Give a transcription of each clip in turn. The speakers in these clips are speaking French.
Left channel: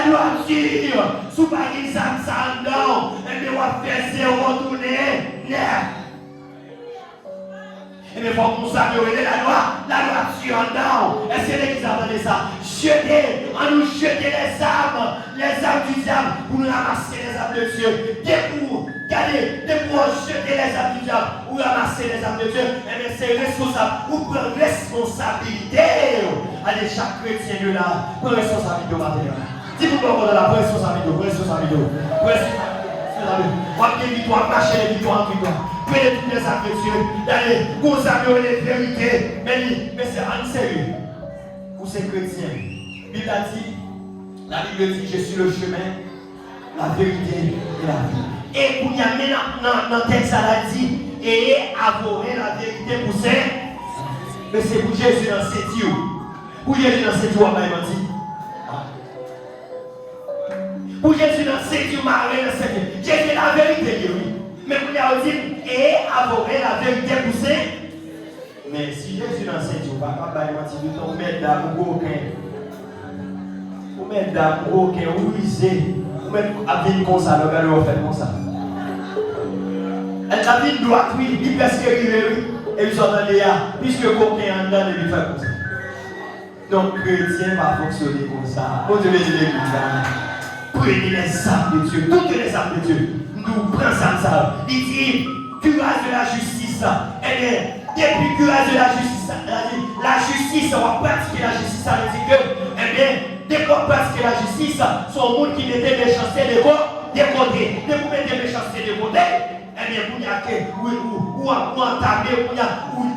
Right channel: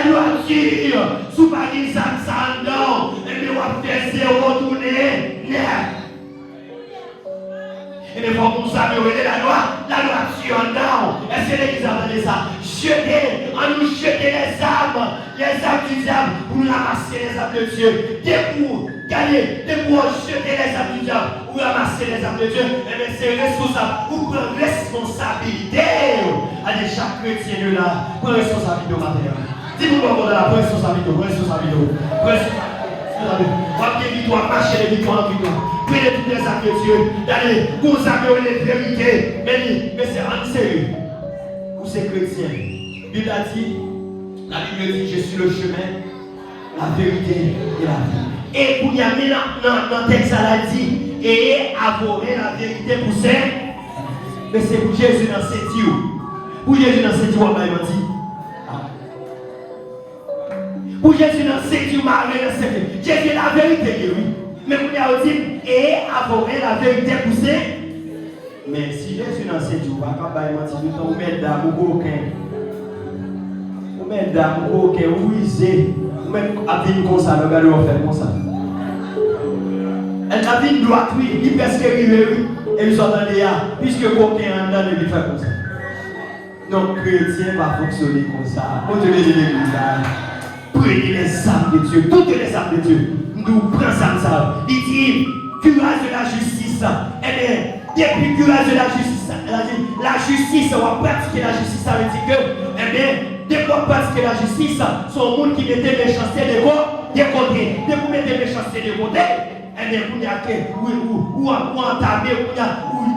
la droiture, sous pas une ça non, et bien on va faire zéro retourner neuf. Et bien, il faut qu'on s'améliore la droiture non. Est-ce que l'église a entendu ça? Jeter, on nous jeter les armes du diable pour nous ramasser les armes de Dieu. Dès pour jeter les armes du diable pour ramasser les armes de Dieu, et bien c'est responsable, ou prendre responsabilité. Allez, chaque chrétien là, prends responsabilité au matin. Dis-moi comment là, prends responsabilité, prends responsabilité. On va bien victoire, marcher les victoires en victoire. Prenez toutes les armes de Dieu. Allez, vous avez les vérités. Mais c'est en sérieux. Pour ces chrétiens, la Bible dit, je suis le chemin, la vérité et la vie. Et pour y amener dans le texte, elle a dit, et avouer la vérité pour ces. Mais c'est pour Jésus dans cette Dieu. Pour Jésus dans cette Dieu, on va dit. Pour Jésus dans cette Dieu, Jésus est la vérité, oui. Mais pour y dit, et avouer la vérité pour ces. Mais si Jésus dans cette Dieu, on va pas mentir, on met d'âme ou aucun. On met d'âme ou aucun, ou usé. On met à vie comme ça, le gars on fait comme ça. Elle a vie droite, oui, il presque arrivé, oui. Et ils sont dans les gars, puisque aucun en dedans de lui faire comme ça. Donc, chrétien va fonctionner comme ça. Pour donner l'église, prenez les âmes de Dieu, toutes les âmes de Dieu. Nous prenons ça. Il dit, curage de la justice. Eh bien, depuis curage de la justice, on va pratiquer la justice, ça veut dire que, eh bien, dès qu'on pratique la justice, son monde qui mettait méchanceté de côté. Dès qu'on mettait méchanceté de côté, eh bien, vous y a que, ou entamer, ou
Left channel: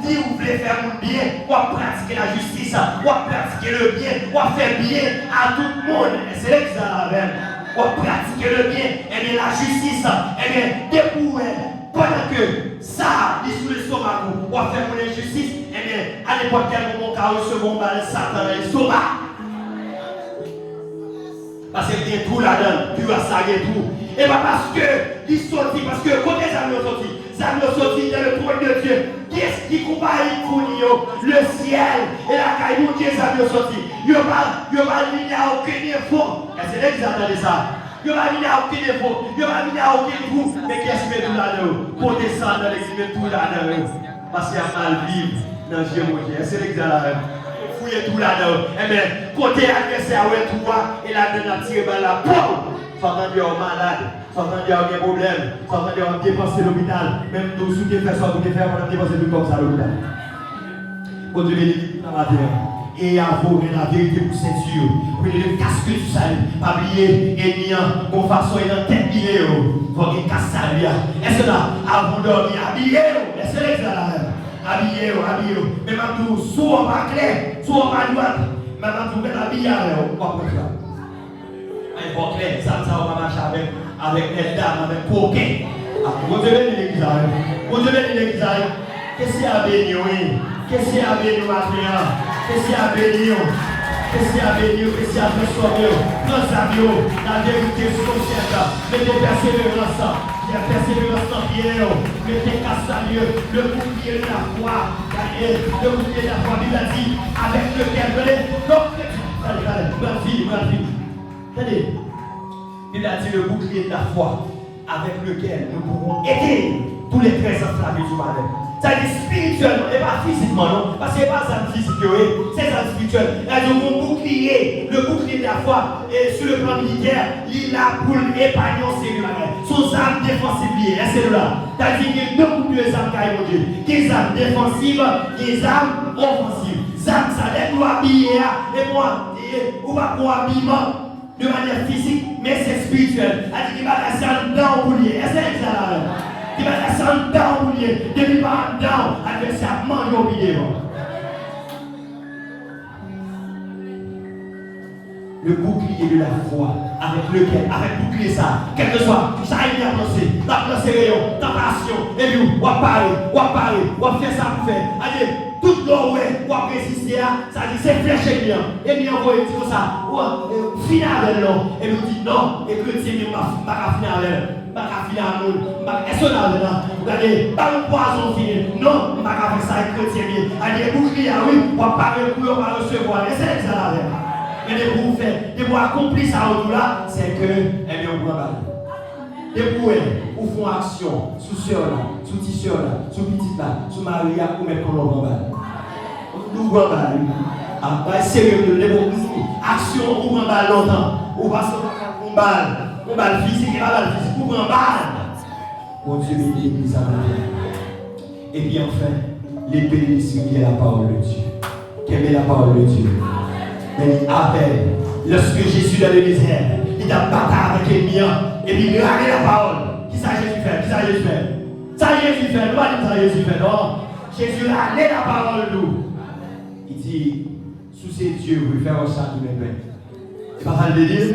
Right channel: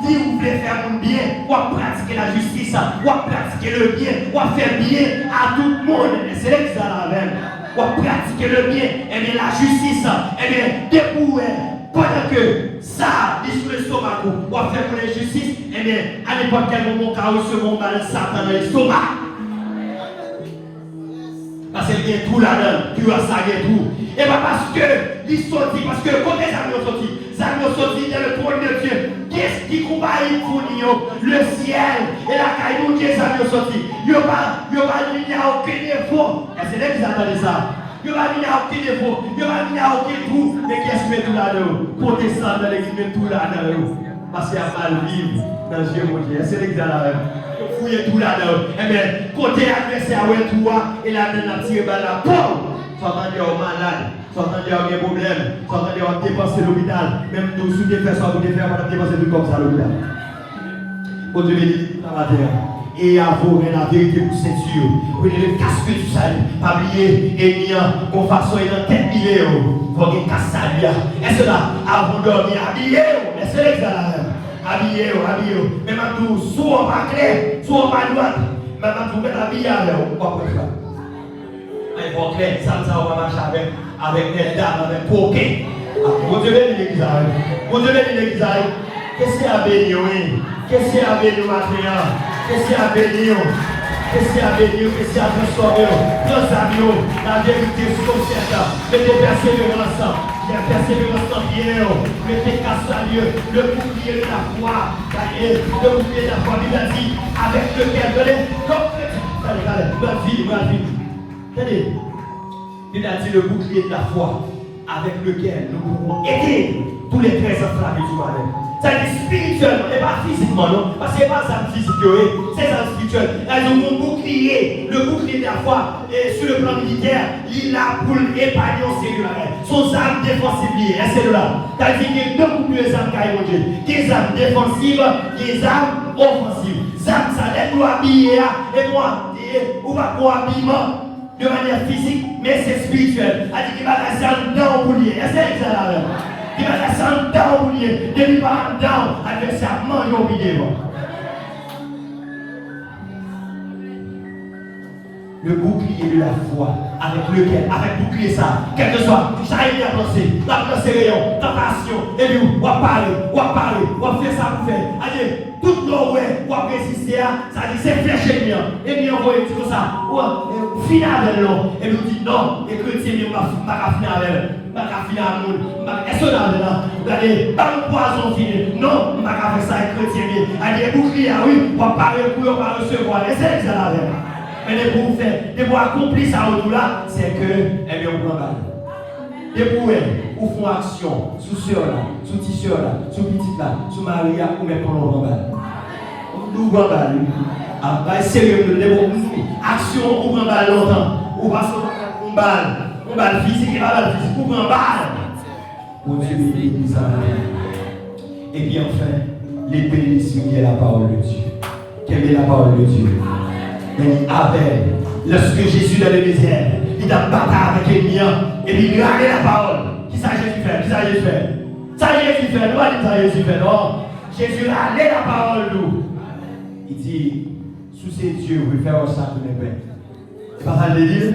dire, vous voulez faire le bien, ou pratiquer la justice, ou pratiquer le bien, ou faire bien à tout le monde. Et c'est là que ça la même. Ou pratiquer le bien, eh bien, la justice, eh bien, dépouiller. Pendant que ça, il sous l'estomac, ou à faire pour la justice, eh bien, à n'importe quel moment, on recevoir mal Satan dans l'estomac. Parce qu'il y a tout là-dedans, tu as ça, il y a tout. Et pas parce que, il sortit, parce que quand les amis ont sorti, les amis ont sorti dans le trône de Dieu. Qu'est-ce qui combat le ciel et la caille où les amis ont sorti? Il n'y a aucun effort. Et c'est là qu'ils attendent ça. Il n'y a aucun défaut, il n'y a aucun trou, mais qu'est-ce qui met tout là-dedans? Pour descendre dans l'exil, met tout là-dedans. Parce qu'il y a mal vivre dans le Jéhovah. C'est l'exil. Fouillez tout là-dedans. Eh bien, côté adversaire, tout et là-dedans, tiré par la peau. Soit on est malade, soit on a des problèmes, soit on a dépensé l'hôpital. Même nous, si vous faites ça, vous devez faire, on a dépensé tout comme ça l'hôpital. Vous devez dire tout la terre. Et avouer la vérité pour ceinture. Prenez le casque du salut, habillé et bien, qu'on façon et dans tête liée, pour qu'il casse ça bien. Est-ce que là, avant de dormir, habillé, est-ce que là, habillé. Mais maintenant, soit on va clair, soit on va droite. Maintenant, vous mettez habillé avec vous, pas pour ça. Il faut clair, ça, on va marcher avec les dames, avec poquet. Vous devez dire l'église, vous devez dire l'église. Qu'est-ce qu'il y a à bénir, qu'est-ce qu'il y a à bénir maintenant? Qu'est-ce qu'il y a à bénir? Qu'est-ce qu'il y a à bénir? Qu'est-ce qu'il y a à transformer? Nos amis, la vérité sur le ciel. Mettez persévérance. Il y a persévérance en pierre. Mettez casse à Dieu. Le bouclier de la foi. Le bouclier de la foi, il a dit, avec lequel allez, Regardez. Il a dit le bouclier de la foi, avec lequel nous pouvons aider tous les traits enflammés du malheur. Ça dit spirituellement et pas physiquement, non? Parce que ce n'est pas ça physique, c'est ça spirituel. Il a dit mon bouclier, le bouclier de la foi, et sur le plan militaire, il a pour épargner au Seigneur. Son arme défensive, c'est là. Ça dit qu'il y a beaucoup plus d'armes qu'à évoluer. Des armes défensives, des armes offensives. Ça aide nous habiller, et moi, on va pour habillement de manière physique, mais c'est spirituel. Ça dit qu'il va rester dans le bouclier. Est-ce que c'est ça là? Il va rester dans le bouclier. Depuis par dans l'adversaire mange au milieu. Le bouclier de la foi, avec lequel, avec bouclier ça, quel que soit, ça il y a pensé, la rayon, tentation, et puis on va parler, on va faire ça pour faire. Allez, tout le monde, on va résister, ça dit c'est flèche bien, et bien on va dire comme ça, on finit avec l'homme, et nous dit non, et que le Seigneur va finir avec elle. Est-ce que là, allez, pas le poison fini. Non, on va faire ça avec le chrétien. Allez, bouclier, oui, on va parler pour on va recevoir. Est-ce que ça là? Mais de pour faire, de pour accomplir ça au-delà, c'est que, eh bien, on prend mal. De pour ou font action, sous soeur là, sous petit soeur là, sous petite là, sous Maria, ou même pour l'on mal. Nous prend mal. Ah, sérieux, de pour action, on prend mal longtemps. Ou parce qu'on balle physique, et pas balle physique, ou prend mal. Mon Dieu, l'Église a. Et puis enfin, l'épée qui est la parole de Dieu. Quelle est la parole de Dieu? Mais Abel, lorsque Jésus dans le désert, il a battu avec les miens, et puis il a regardé la parole. Qui ça Jésus fait? Qui ça Jésus fait? Ça Jésus fait, nous pas dire ça Jésus fait, non. Jésus a regardé la parole nous. Il dit, sous ses yeux, vous pouvez faire un sac de mes pains. C'est pas ça le délire?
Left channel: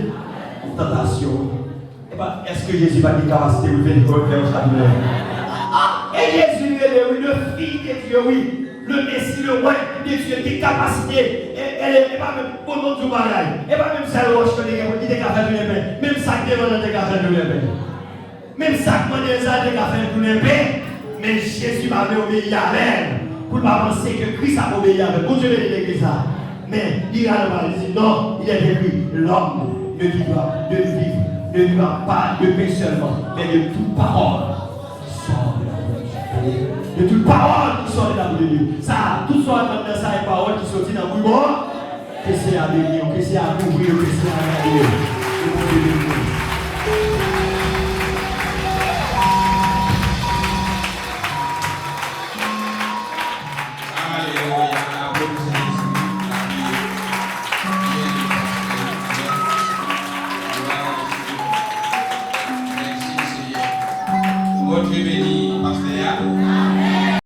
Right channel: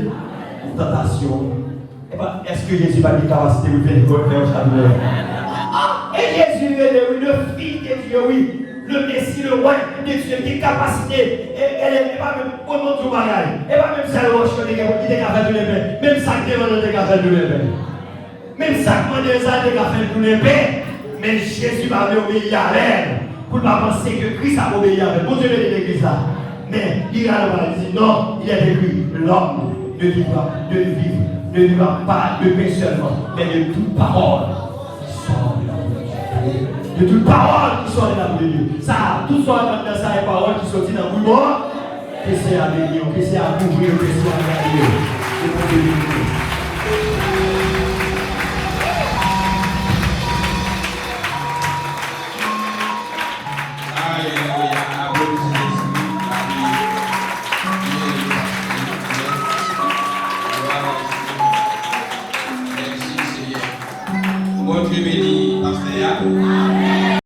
Une tentation. Est-ce que Jésus va dire capacité de faire un sac de mes pains? Et Jésus est le fils de Dieu, oui. Le Messie, le roi de Dieu, qui est capacité. Elle n'est pas même pour notre bagage. Elle n'est pas même ça, le roche qui est capable de les paix. Même ça qui est capable de les paix. Même ça qui est capable de les paix. Mais Jésus va obéir à elle. Pour ne pas penser que Christ a obéi à elle. Pour Dieu, l'église là. Mais il a dit non, il est écrit l'homme ne vivra pas de paix seulement, mais de toute parole qui sort de la bouche de Dieu. De toute parole qui sort de la bouche de Dieu. Ça, tout sort dans sa parole qui sortit dans le bouche, que c'est à bénir, que c'est à couvrir, que c'est à garder.